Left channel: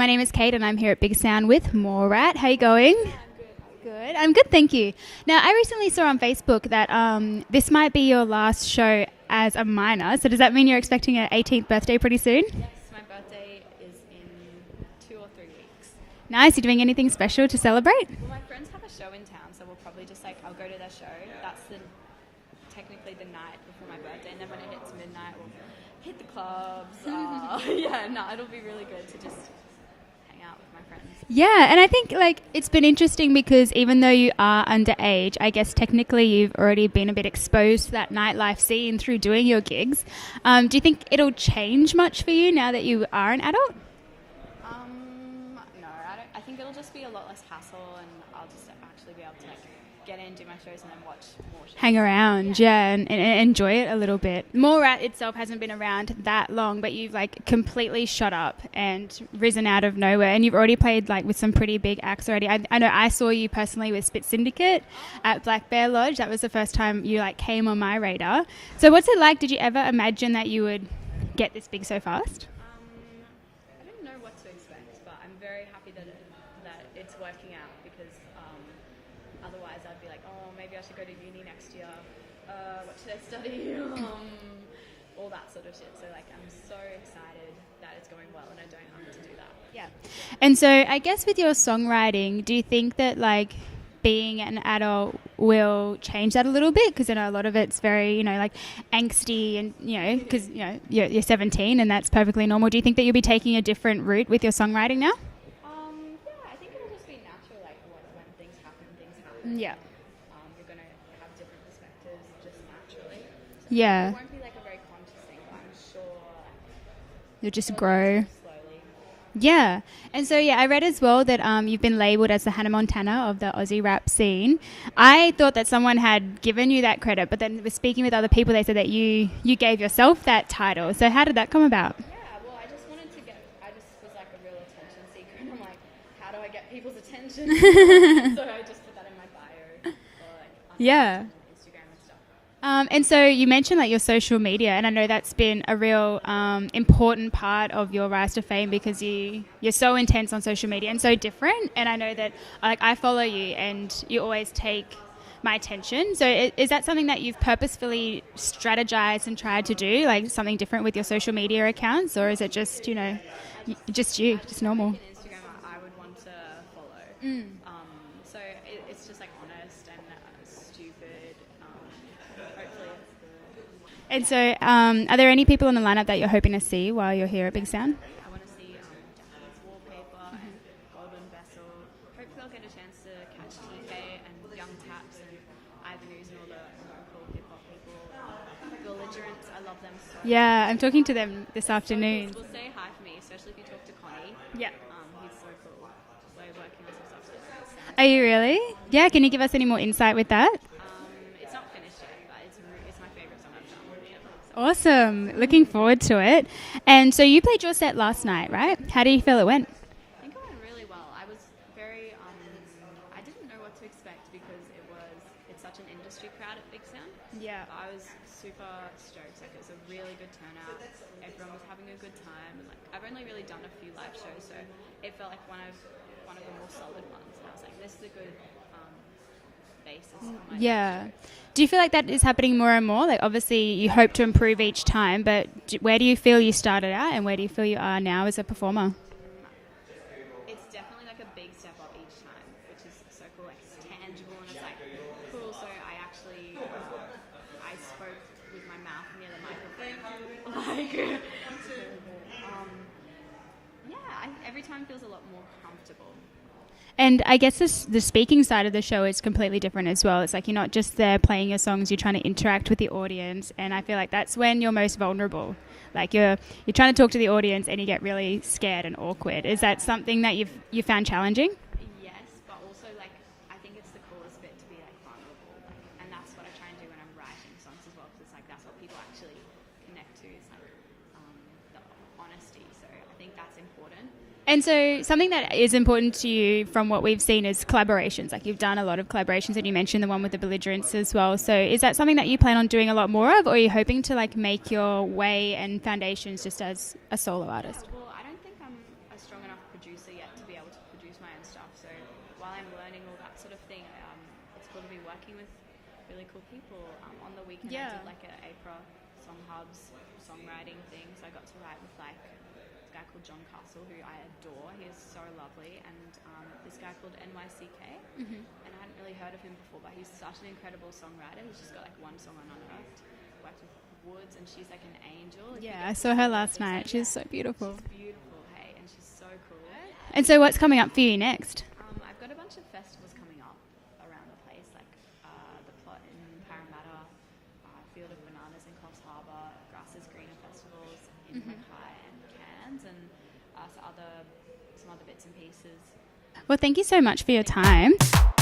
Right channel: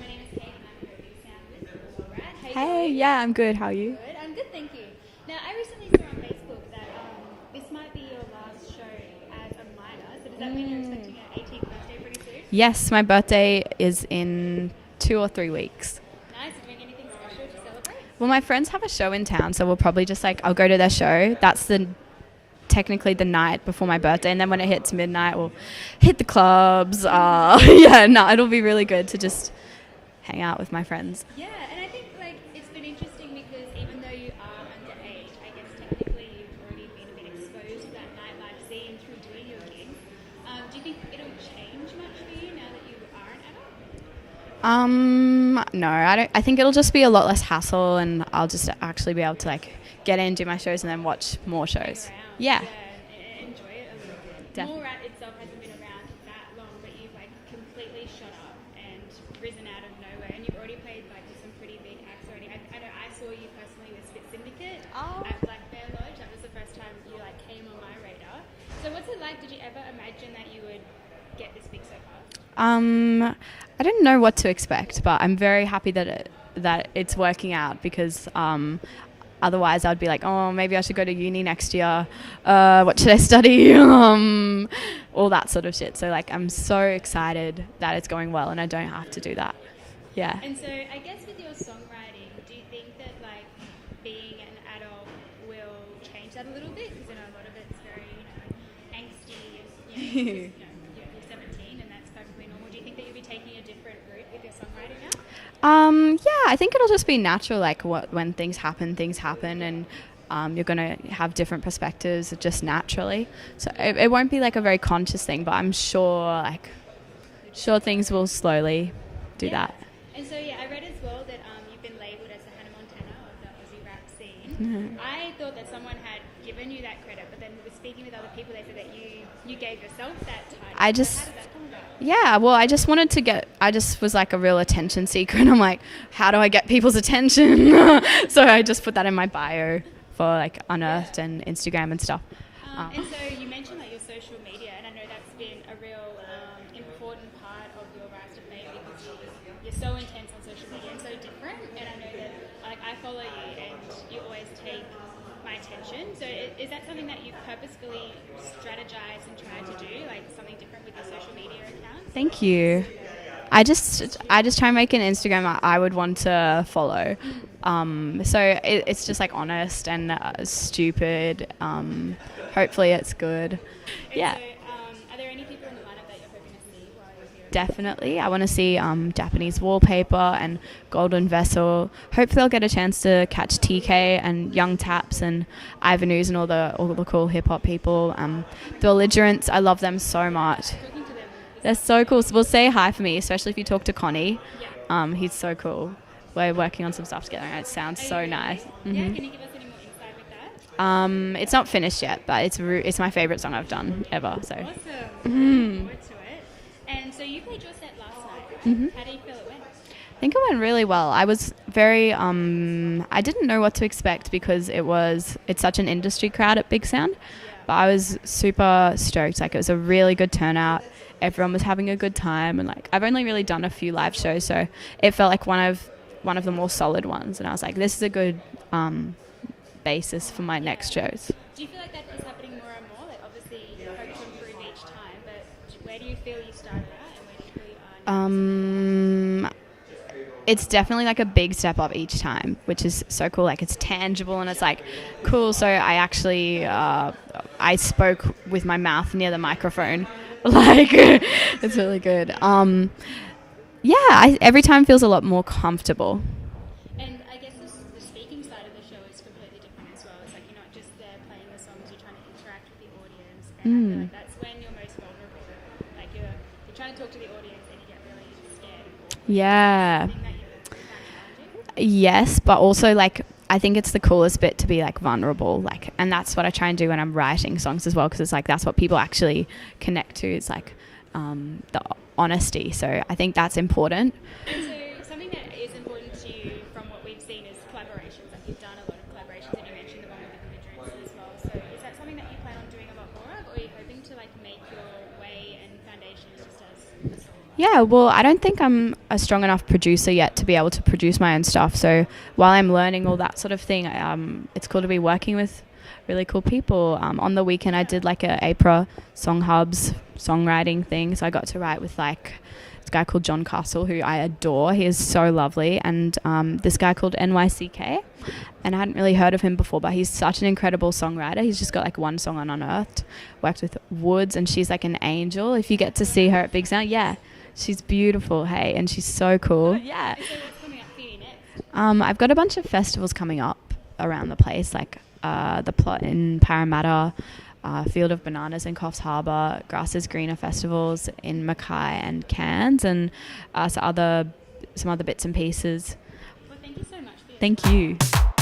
My name is Kate and I'm here at Bigsound with Mallrat. How are you going? Yeah, I'm good. How are you? Good. I'm good, thank you. Now, I recently saw on Facebook that this might be your last show as a minor. So does that mean you're expecting an 18th birthday pretty soon? Yes, my birthday is in 2 or 3 weeks. Nice. You doing anything special to celebrate? Well, my friends have a show in town, so we'll probably just I'll go to their show. That's technically the night before my birthday, and then when it hits midnight, we'll hit the clubs. It'll be really good to just hang out with my friends. Yeah, and I think it's been interesting because even though you are underage, I guess technically you've already been a bit exposed to that nightlife scene through doing your gigs. Do you think it'll change much for you now that you are an adult? No, I don't. I think it'll just be a lot less hassle, and I'll just actually be able to get in, do my shows, and then watch more shows. Hang around, and enjoy it a little bit. Definitely. Mallrat itself hasn't been around that long, but you've completely shot up and risen out of nowhere, and you've already played with some pretty big acts already. I know I saw you personally with Spit Syndicate at Black Bear Lodge. That was the first time you came on my radar. So what's it like? Did you ever imagine that you would get this big so fast? I didn't know what to expect, but I'm very happy that it's working out because otherwise I'd be oh, maybe I should go to uni next year. What should I study? All that sort of shit. So I'm so excited that it's going well and I don't have to do that. Yeah. And so I guess with your songwriting, do you think that being an adult will change that a little bit? Because I know a lot of it's very, angsty and, because, you're 17 and that's perfectly normal. Do you think that you'll be taking a different route with your songwriting now? Yeah, I think it'll just be natural, when things happen, Yeah. and you're going to have different perspectives just naturally. So Yeah. it won't be a very conscious thing, but I'm sure, You'll just things grow. will slowly do Yeah. that. And so, I read as well that you've been labelled as the Hannah Montana of the Aussie rap scene. Mm-hmm. I thought that someone had given you that credit, but then with speaking with other people, they said that you gave yourself that title. So how did that come about? Yeah, well, I just was a real attention seeker, and I'm how do I get people's attention? So I just put that in my bio for Unearthed and Instagram and stuff. And so you mentioned your social media, and I know that's been a real important part of your rise to fame because you're so intense on social media and so different. And I know that I follow you, and you always take my attention. So is that something that you've purposefully strategized and tried to do, something different with your social media accounts, or is it just I just try and make normal? an Instagram I would want to follow. So it's just honest and stupid. Hopefully it's good. And so are there any people on the lineup that you're hoping to see while you're here at Bigsound? Definitely. I want to see Japanese Wallpaper and Golden Vessel. Hopefully I'll get a chance to catch TK and Young Taps and Ivanus and all the cool hip-hop people. Belligerents, I love them so much. Yeah, I'm talking to them this They're afternoon. so cool. So, well, say hi for me, especially if you talk to Connie. Yeah. He's so cool. We're working on some stuff together and it sounds Are so you really? nice. Yeah, can you give us any more insight with that? It's not finished yet, but it's my favourite song I've done ever. So. Awesome. Looking forward to it. And so you played your set last night, right? How do you feel it went? I think it went really well. I was very, I didn't know what to expect because it's such an industry crowd at Bigsound. Yeah. But I was super stoked. It was a really good turnout. Everyone was having a good time. And I've only really done a few live shows, so it felt like one of the more solid ones. And I was this is a good basis for my next shows. Do you feel like that is happening more and more? Obviously you hope to improve each time, but where do you feel you started out and where do you feel you are now as a performer? It's definitely a big step up each time, which is so cool. It's tangible and it's cool. So I actually, I spoke with my mouth near the microphone. It's really good. Every time feels a lot more comfortable. And I guess the speaking side of the show is completely different as well. It's you're not just there playing your songs, you're trying to interact with the audience. And I feel that's when you're most vulnerable. You're trying to talk to the audience and you get really scared and awkward. Yeah. Is that something that you found challenging? Yes, but also I think it's the coolest bit to be vulnerable. And that's what I try and do when I'm writing songs as well, because it's that's what people actually connect to. It's the honesty. So I think that's important. And so something that is important to you from what we've seen is collaborations. Like you've done a lot of collaborations, and you mentioned the one with the belligerents as well. So is that something that you plan on doing a lot more of, or are you hoping to like make your way and foundations just as a solo artist? Yeah, well, I don't think I'm a strong enough producer yet to be able to produce my own stuff. So while I'm learning all that sort of thing, it's cool to be working with really cool people. On the weekend, I did like a APRA Song Hubs songwriting thing. So I got to write with like this guy called John Castle, who I adore. He is so lovely. And this guy called NYCK. And I hadn't really heard of him before, but he's such an incredible songwriter. He's just got like one song on Unearthed. Worked with Woods, and she's like an angel. If you get to see her at Bigsound, she's so beautiful. She's beautiful, hey, and she's so cool. Yeah. And so what's coming up for you next? I've got a bunch of festivals coming up around the place, like the Plot in Parramatta, Field of Bananas in Coffs Harbour, Grass is Greener festivals in Mackay and Cairns, and some other bits and pieces. Well, thank you so much for your Thank time. you.